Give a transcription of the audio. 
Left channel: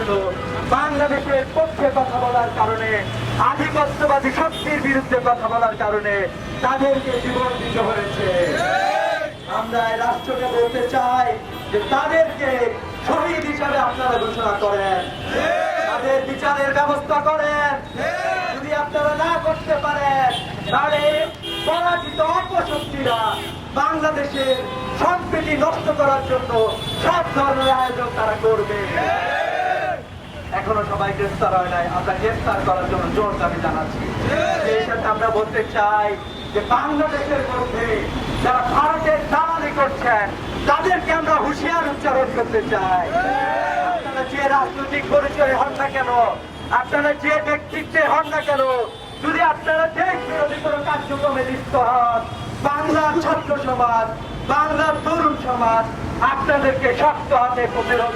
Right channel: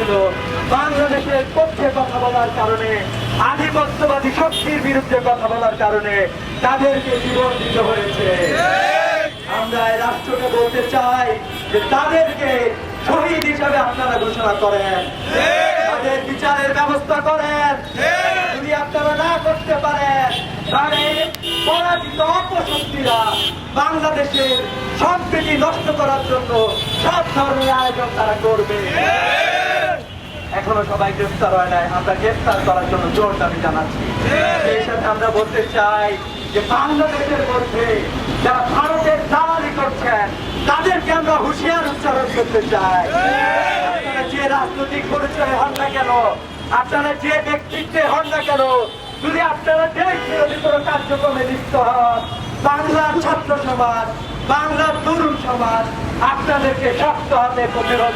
হয়েছিল বাংলাদেশের পক্ষে কথা বলার কারণে, আধিপত্যবাদী শক্তির বিরুদ্ধে কথা বলার কারণে তাদেরকে জীবন দিতে হয়েছে। আমরা এই রাষ্ট্রকে বলতে চাই যে তাদেরকে শহীদ হিসাবে আপনারা ঘোষণা করেন, তাদের বিচারের ব্যবস্থা করেন। যদি আপনারা না করতে পারেন তাহলে পরাজিত অপশক্তিরা বাংলাদেশের সম্প্রীতি নষ্ট করার জন্য সব ধরনের আয়োজন তারা করবে। এখনো সবাই গ্রেফতার হয় নাই, আমরা গ্রেফতার করার জন্য জোর দাবি জানাচ্ছি। সেই সাথে আমরা বলতে চাই যে বাংলাদেশের মধ্যে যারা ভারতের দালালি করছেন তাদেরকে আমরা হুঁশিয়ার উচ্চারণ করতে চাই। আপনারা যে রাজনৈতিক পরিচয় হন না কেন, আপনারা যে ব্যক্তিত্বে হন না কেন, যদি আপনারা দেশ বিরোধী কোনো কার্যক্রমে লিপ্ত হন, বাংলার ছাত্র সমাজ, বাংলার তরুণ সমাজ আপনাদেরকে শক্ত হাতে প্রতিরোধ